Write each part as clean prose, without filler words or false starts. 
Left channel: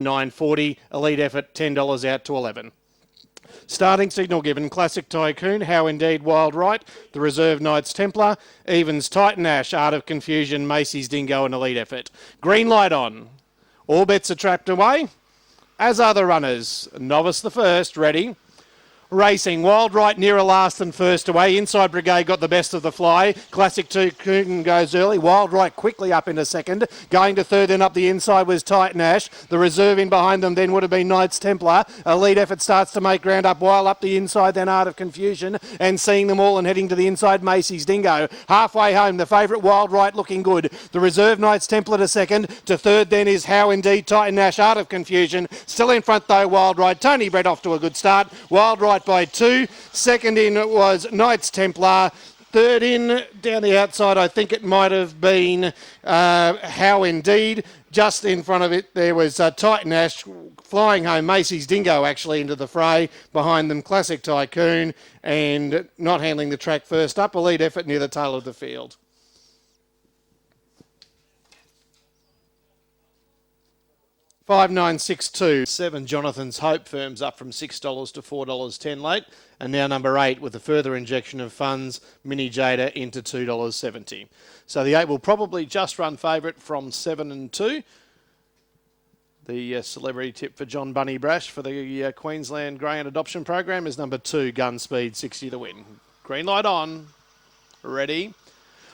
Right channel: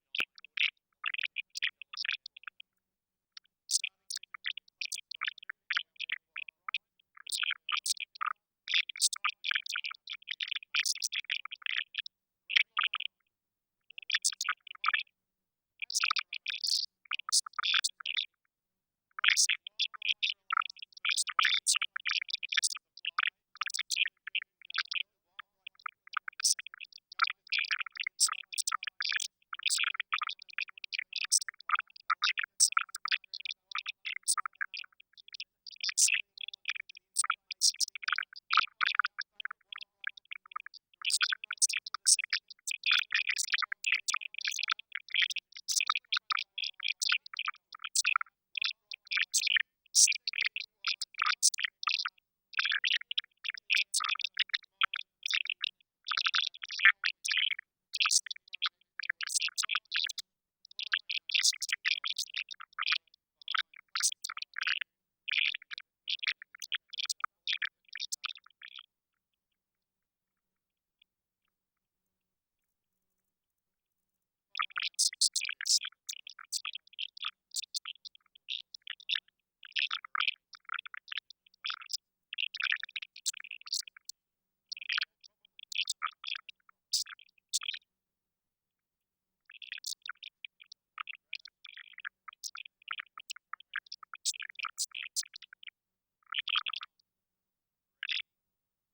$9.40. Elite Effort, $10 out to 11. Starting signal given, Classic Tycoon, How Indeed, Wild Right, the Reserve Knights Templar, Evens Titan Ash, Art of Confusion, Macy's Dingo and Elite Effort. Green light on. All bets are trapped away, as are the runners. Novice the first, ready. Racing, Wild Right nearer last and first away. Inside Brigade got the best of the fly. Classic Tycoon goes early. Wild Right quickly up into second. Going to third, then up the inside was Titan Ash. The reserve in behind them then would have been Knights Templar. Elite Effort starts to make ground up while up the inside, then Art of Confusion. And seeing them all and heading to the inside, Macy's Dingo. Halfway home, the favourite Wild Right looking good. The reserve Knights Templar to second. To third then is How Indeed, Titan Ash, Art of Confusion. Still in front though, Wild Right. Tony Brett off to a good start. Wild Right by 2. Second in was Knights Templar. Third in, down the outside, I think it might have been How Indeed. Just in front of it, there was Titan Ash flying home. Macy's Dingo actually into the fray. Behind them, Classic Tycoon. And not handling the track first up, Elite Effort near the tail of the field. $5.962. Jonathan's Hope firms up from $6 to $4.10 late. And now number 8 with a further injection of funds, Mini Jada into $2.70. So the 8 will probably just run favourite from 7 and 2. The celebrity tip for John Bunny Brash for the Queensland Greyhound Adoption Program is number 2, Gun Speed, 60 to win. Green light on. Ready.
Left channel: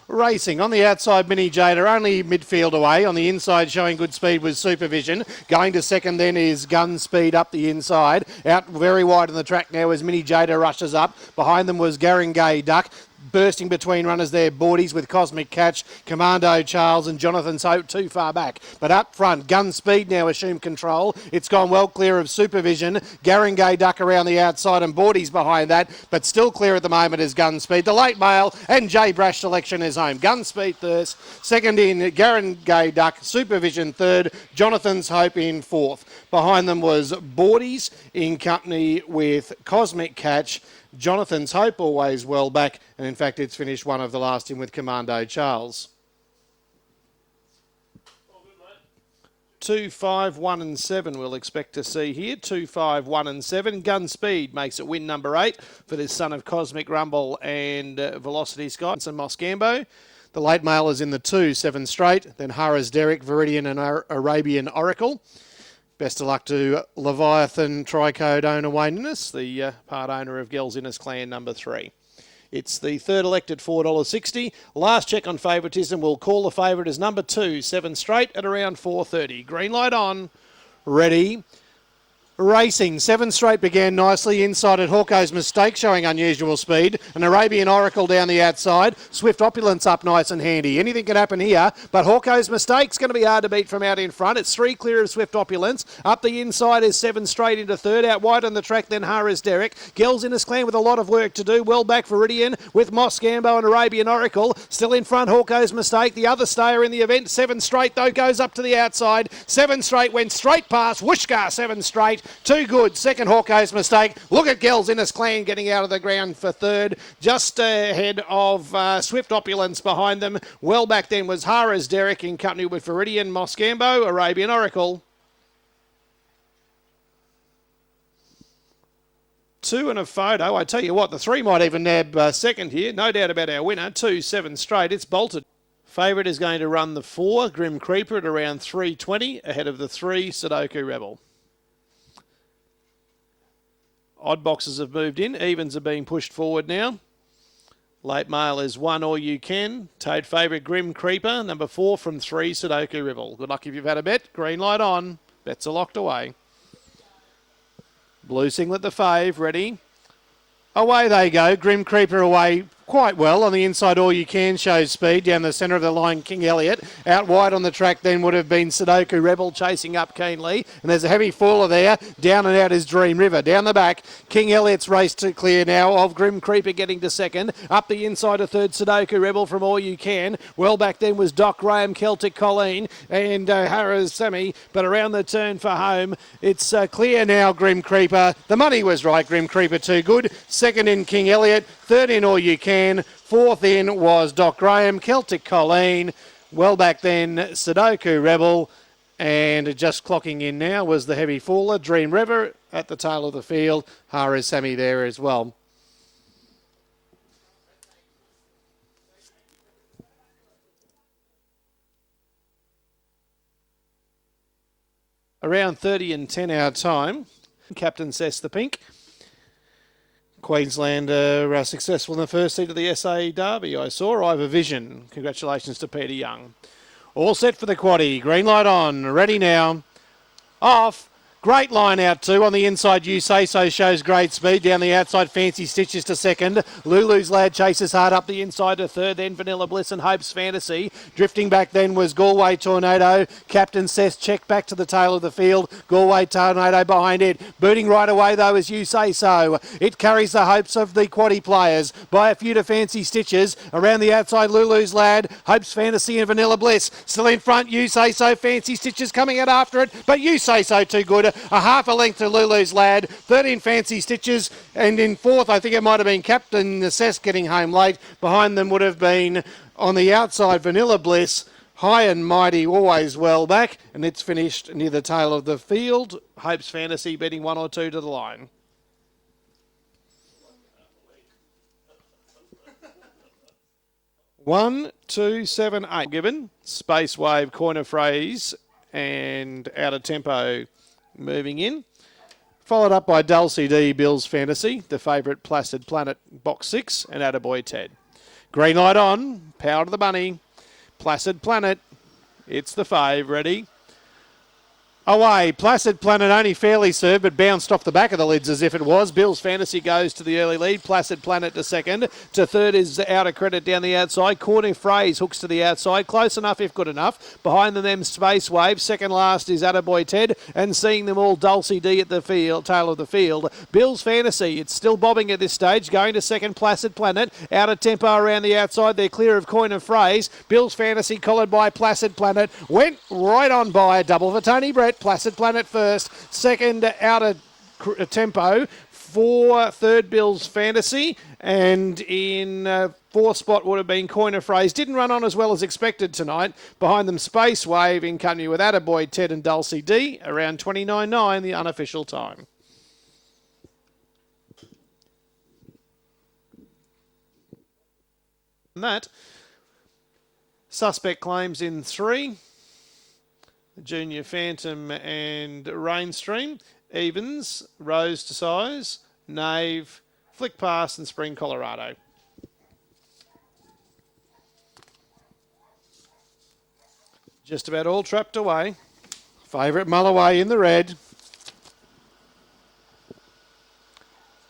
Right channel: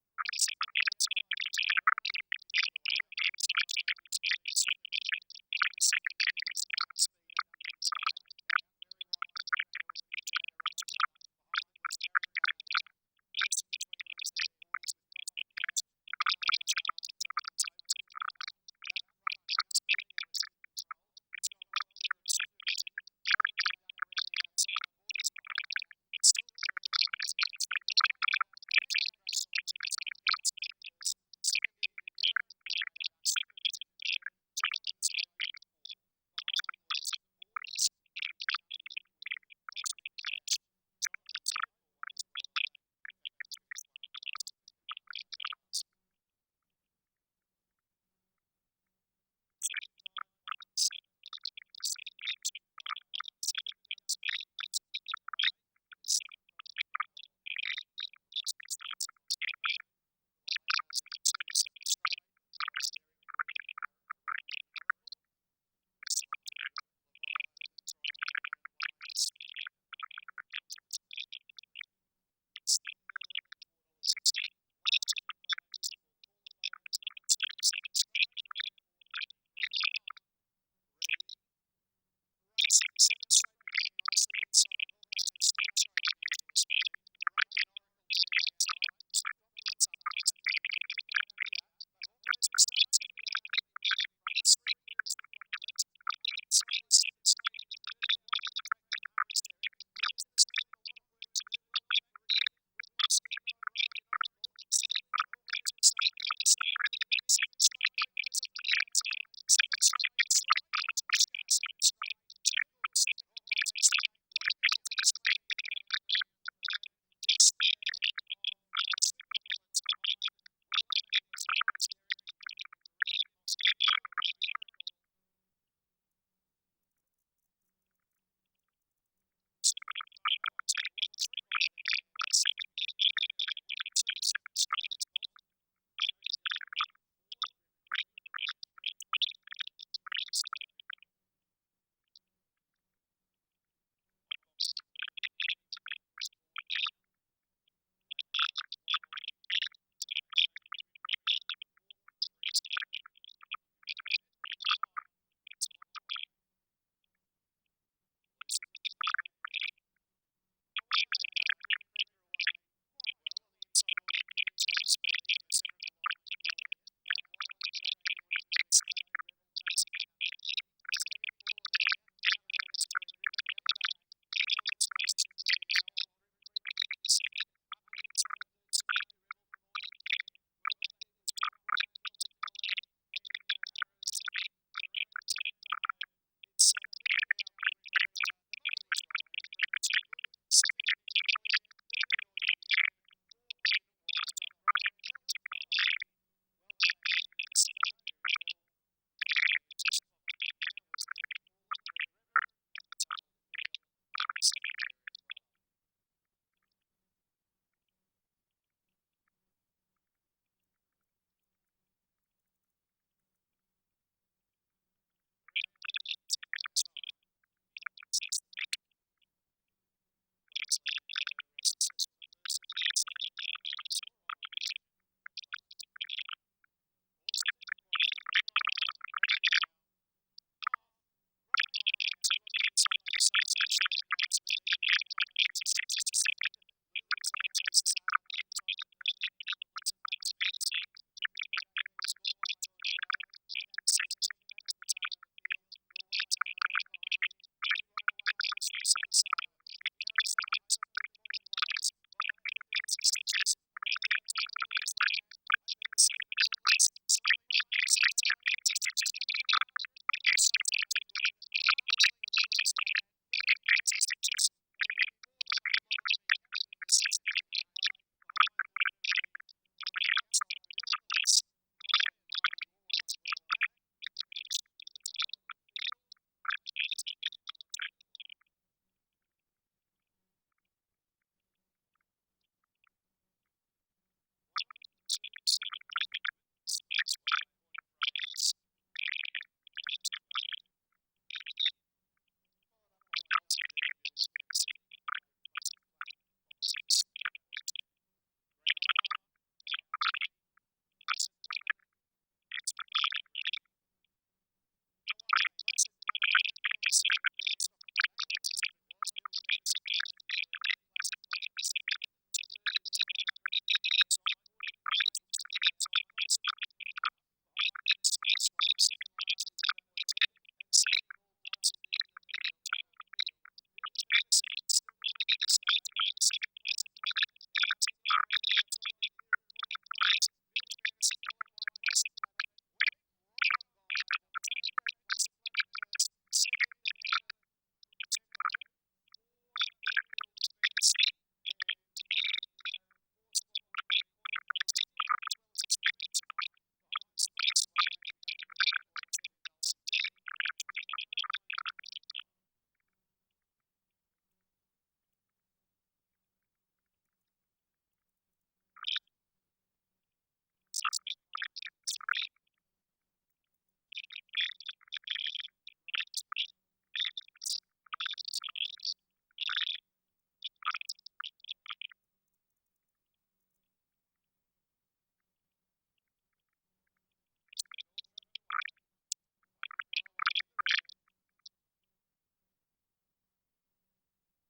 Racing on the outside, Mini Jada, only midfield away. On the inside, showing good speed was Supervision. Going to second then is Gun Speed up the inside. Out very wide on the track now as Mini Jada rushes up. Behind them was Garangay Duck. Bursting between runners there, Boardies with Cosmic Catch, Commando Charles and Jonathan's Hope too far back. But up front, Gun Speed now assumed control. It's gone well clear of Supervision. Garangay Duck around the outside and Boardies behind that, but still clear at the moment is Gun Speed. The late mail and J Brash selection is home. Gun Speed first, second in Garangay Duck, Supervision third, Jonathan's Hope in fourth. Behind them was Boardies in company with Cosmic Catch. Jonathan's Hope always well back, and in fact it's finished one of the last in with Commando Charles. 2, 5, 1 and 7 we'll expect to see here. 2, 5, 1 and 7. Gun Speed makes it win number 8 for this son of Cosmic Rumble and Velocity Sky and Moscambo. The late mail is in the 2, 7 straight. Then Harris Derrick, Viridian and Arabian Oracle. Best of luck to Leviathan Tricode owner Wayne Innes, the part owner of Gels Innes Clan number 3. It's the third elected $4.60. Last check on favouritism. We'll call the favourite as number 2, 7 straight at around 4.30. Green light on. Ready. Racing, 7 straight began nicely inside at Hawko's Mistake, showing unusual speed. An Arabian Oracle down the outside. Swift Opulence up nice and handy. Anything can happen here, but Hawko's Mistake's going to be hard to beat from out in front. It's 3 clear of Swift Opulence. Up the inside is 7 straight into third. Out wide on the track, then Harris Derrick. Gels Innes Clan with a lot of work to do. Well back Viridian with Moscambo and Arabian Oracle. Still in front, Hawko's Mistake. The other stayer in the event, 7 straight though, goes up to the outside. 7 straight went straight past Whooshka, 7 straight. Too good. Second, Hawko's Mistake. Look at Gels Innes Clan getting out of the ground for third. Just ahead of Swift Opulence behind them. Well back then was Harris Derrick in company with Viridian, Moscambo, Arabian Oracle. 2 and a photo. I tell you what, the 3 might even nab second here. No doubt about our winner. 2, 7 straight. It's bolted. Favourite is going to run the 4, Grim Creeper, at around 3.20, ahead of the 3, Sudoku Rebel. Odd boxes have moved in. Evens are being pushed forward now. Late mail is 1 All You Can. Toad favourite Grim Creeper. Number 4 from 3 Sudoku Rebel. Good luck if you've had a bet. Green light on. Bets are locked away. Blue Singlet the fave. Ready. Away they go. Grim Creeper away quite well. On the inside, All You Can shows speed. Down the centre of the line, King Elliot. Out wide on the track then would have been Sudoku Rebel chasing up keenly. And there's a heavy faller there. Down and out is Dream River. Down the back, King Elliot's race to clear now of Grim Creeper getting to second. Up the inside, a third Sudoku Rebel from All You Can. Well back then was Doc Graham, Celtic Colleen and Harris Sammy. But around the turn for home, it's clear now, Grim Creeper. The money was right, Grim Creeper too good. Second in King Elliot. Third in All You Can. Fourth in was Doc Graham, Celtic Colleen. Well back then, Sudoku Rebel. And just clocking in now was the heavy faller, Dream River, at the tail of the field. Hara Sammy there as well. Around 30 and 10 our time. Captain Sess the Pink. Queenslander successful in the first seat of the SA Derby, I saw. Ivor Vision. Congratulations to Peter Young. All set for the quaddie. Green light on. Ready now. Off. Great line out too. On the inside, You Say So shows great speed. Down the outside, Fancy Stitches to second. Lulu's Lad chases hard up the inside to third. Then Vanilla Bliss and Hope's Fantasy. Drifting back then was Galway Tornado. Captain Sess checked back to the tail of the field. Galway Tornado behind it. Booting right away though is You Say So. It carries the hopes of the quaddie players by a few to Fancy Stitches. Around the outside, Lulu's Lad, Hope's Fantasy and Vanilla Bliss. Still in front, You Say So. Fancy Stitches coming out after it, but You Say So too good. A half a length to Lulu's Lad, 13 Fancy Stitches, and in fourth, I think it might have been Captain Sess getting home late. Behind them would have been, on the outside, Vanilla Bliss, High and Mighty, always well back, and it's finished near the tail of the field. Hope's Fantasy betting 1 or 2 to the line. One, 2, 7, 8 given. Space Wave, Coin of Phrase, and Out of Tempo moving in. Followed up by Dulcie D, Bill's Fantasy, the favourite Placid Planet, box 6, and Attaboy Ted. Green light on, Power to the Bunny, Placid Planet, it's the fave, ready. Away, Placid Planet only fairly served, but bounced off the back of the lids as if it was. Bill's Fantasy goes to the early lead. Placid Planet to second. To third is Out of Credit down the outside. Corner Phrase hooks to the outside. Close enough if good enough. Behind them, Space Wave. Second last is Attaboy Ted. And seeing them all, Dulcie D at the field, tail of the field. Bill's Fantasy, it's still bobbing at this stage. Going to second, Placid Planet. Out of tempo around the outside. They're clear of Coin of Phrase. Bill's Fantasy collared by Placid Planet. Went right on by a double for Tony Brett. Placid Planet first, second Out of Tempo, for third Bill's Fantasy, and in fourth spot would have been Coin of Phrase. Didn't run on as well as expected tonight. Behind them, Space Wave in company with Attaboy, Ted and Dulcie D, around 29.9, the unofficial time. And that, Suspect Claims in 3. Junior Phantom and Rainstream. Evens, Rose to Size, Knave, Flick Pass and Spring Colorado. Just about all trapped away. Favourite Mulloway in the red.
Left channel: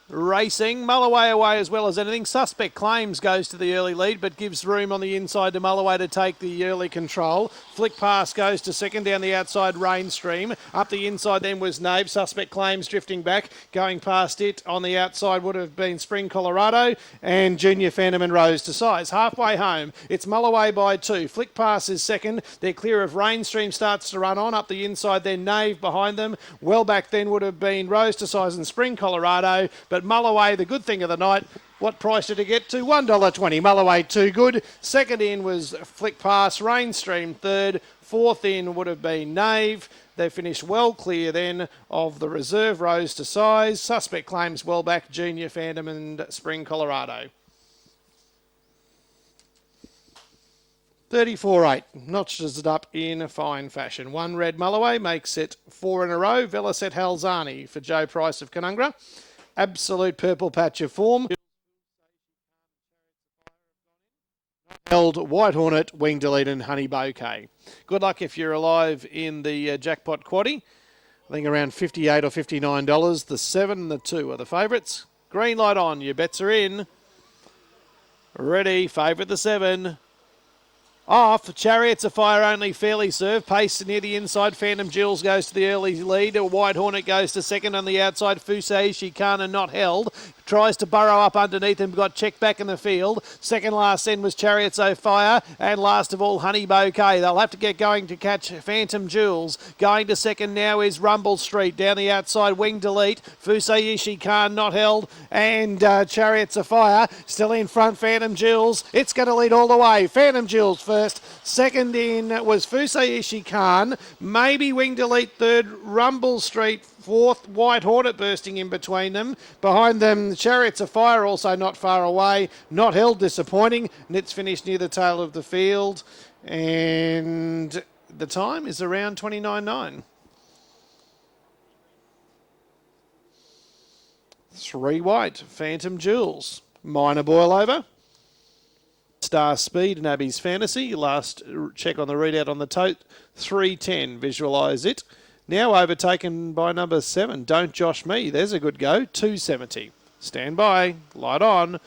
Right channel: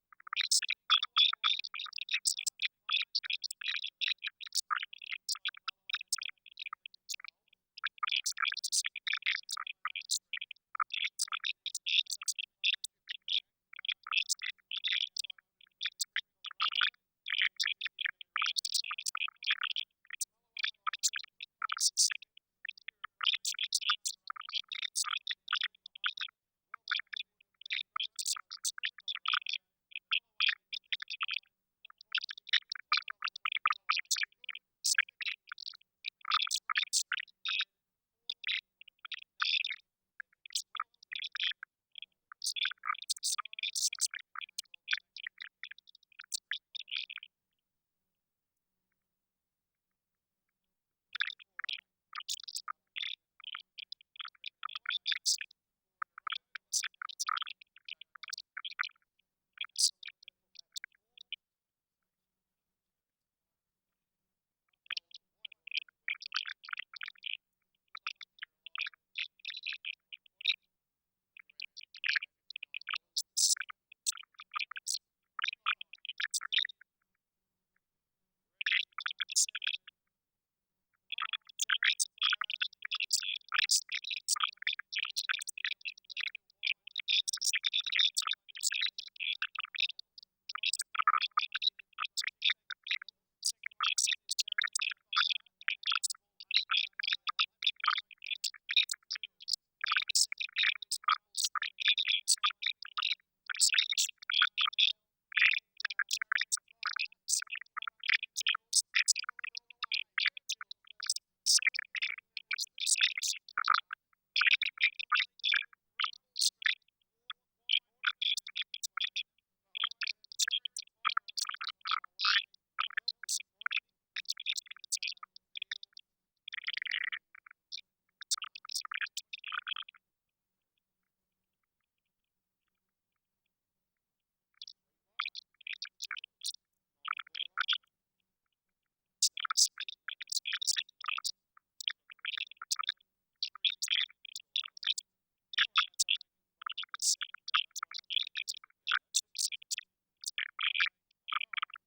Racing, Mulloway away as well as anything. Suspect Claims goes to the early lead, but gives room on the inside to Mulloway to take the early control. Flick Pass goes to second, down the outside, Rainstream. Up the inside then was Nave. Suspect Claims drifting back. Going past it on the outside would have been Spring Colorado and Junior Phantom and Rose to Size. Halfway home, it's Mulloway by 2. Flick Pass is second. They're clear of Rainstream, starts to run on. Up the inside then Nave behind them. Well back then would have been Rose to Size and Spring Colorado. But Mulloway, the good thing of the night, what price did it get to? $1.20. Mulloway, too good. Second in was Flick Pass, Rainstream third. Fourth in would have been Knave. They finished well clear then of the reserve Rose to Size. Suspect Claims well back, Junior Phantom and Spring Colorado. 34.8, notches it up in a fine fashion. One red Mulloway makes it 4 in a row. Velicet Halzani for Joe Price of Canungra. Absolute purple patch of form. Held White Hornet, Wing Delete and Honey Bouquet. Good luck if you're alive in the jackpot quaddie. I think around $58 or $59. The 7 and the 2 are the favourites. Green light on, your bets are in. Ready, favourite the 7. Off, Chariots of Fire only fairly served. Pace near the inside. Phantom Jewels goes to the early lead. White Hornet goes to second on the outside. Fusei Shikana not held. Tries to burrow up underneath him. Got checked back in the field. Second last end was Chariots of Fire. And last of all, Honey Bouquet. They'll have to get going to catch Phantom Jewels. Going to second now is Rumble Street. Down the outside, Wing Delete. Fusei Ishii not held. And Chariots of Fire still in front. Phantom Jewels. It's going to lead all the way. Phantom Jewels first. first. Second in was Fusei Ishikan. Maybe Winged Elite third. Rumble Street fourth. White Hornet bursting in between them. Behind them, Chariots of Fire also not far away. Not Held disappointing. Nits finished near the tail of the field. And the time is around 29.9. 3 white, Phantom Jewels, Minor Boil Over, Star Speed and Abby's Fantasy. Last check on the readout on the tote, 310, visualise it. Now overtaken by number 7, Don't Josh Me. There's a good go, 270. Stand by, light on.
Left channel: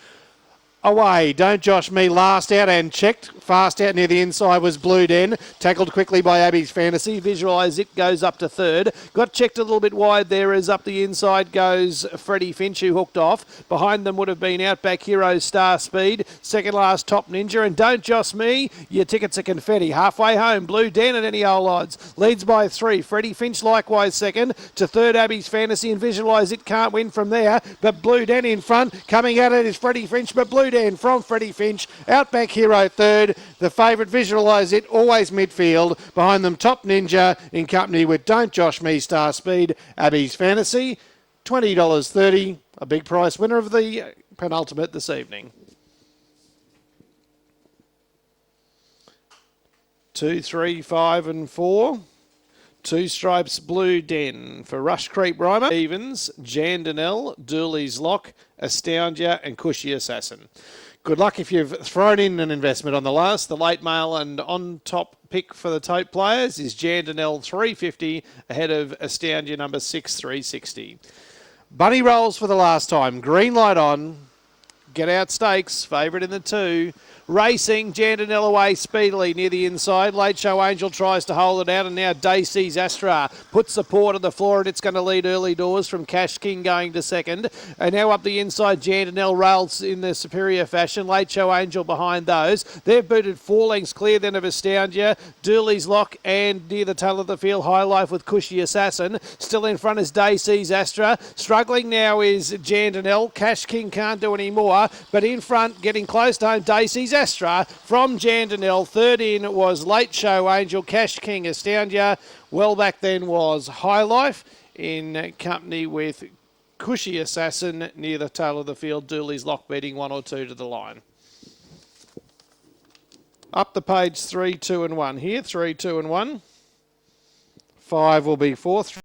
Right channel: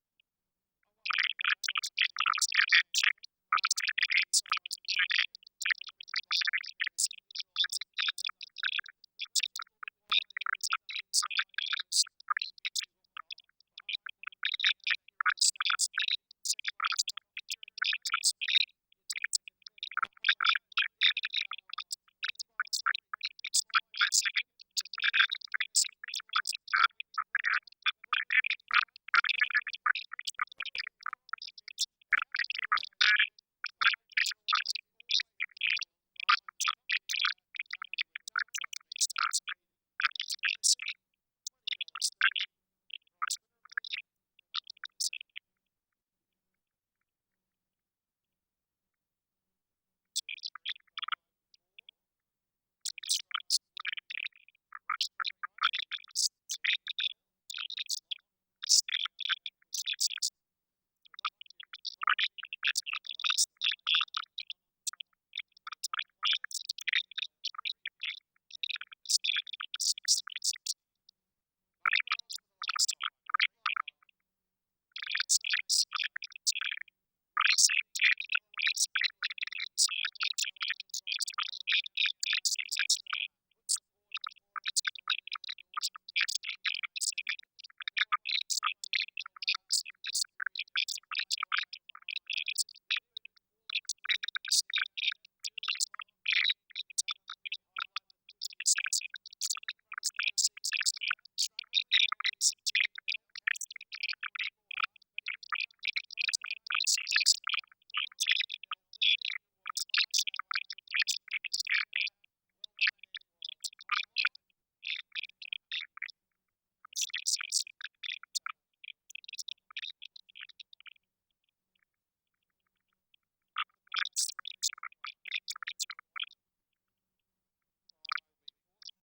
Away, Don't Josh Me, last out and checked. Fast out near the inside was Blue Den. Tackled quickly by Abby's Fantasy. Visualise it, goes up to third. Got checked a little bit wide there as up the inside goes Freddie Finch, who hooked off. Behind them would have been Outback Hero, Star Speed. Second last, Top Ninja. And Don't Josh Me, your tickets are confetti. Halfway home, Blue Den at any old odds. Leads by 3. Freddie Finch likewise second. To third, Abby's Fantasy. And Visualise it can't win from there. But Blue Den in front. Coming at it is Freddie Finch. But Blue Den from Freddie Finch. Outback Hero third. The favourite, Visualise it, always midfield. Behind them, Top Ninja in company with Don't Josh Me, Star Speed, Abby's Fantasy. $20.30, a big price winner of the penultimate this evening. 2, 3, 5 and 4. 2 stripes Blue Den for Rush Creep Rhymer. Evans, Jandanel, Dooley's Lock, Astoundia and Cushy Assassin. Good luck if you've thrown in an investment on the last. The late mail and on top pick for the tote players is Jandanel 350 ahead of Astoundia number 6 360. Bunny rolls for the last time. Green light on. Get out stakes. Favourite in the 2. Racing, Jandanel away speedily near the inside. Late Show Angel tries to hold it out, and now Daisy's Astra puts the paw to the floor, and it's going to lead early doors from Cash King going to second. And now up the inside, Jandanel rails in the superior fashion. Late Show Angel behind those. They've booted 4 lengths clear then of Astoundia. Dooley's Lock and near the tail of the field, High Life with Cushy Assassin. Still in front is Daisy's Astra. Struggling now is Jandanel. Cash King can't do any more, but in front, getting close to home, Daisy's Astra from Jandanel. Third in was Late Show Angel, Cash King, Astoundia. Well back then was High Life in company with Cushy Assassin near the tail of the field. Dooley's Lock beating 1 or 2 to the line. Up the page, 3, 2 and 1 here. 3, 2 and 1. 5 will be 4th.